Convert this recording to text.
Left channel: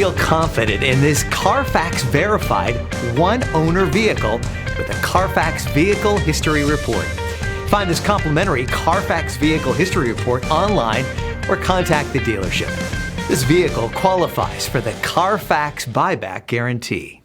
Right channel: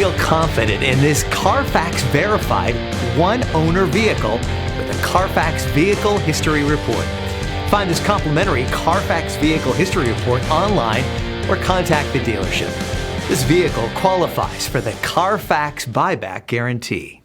Feel confident in this Carfax verified one-owner vehicle with a Carfax Vehicle History Report. Find this complimentary Carfax Vehicle History Report online or contact the dealership. This vehicle qualifies for the Carfax Buyback Guarantee.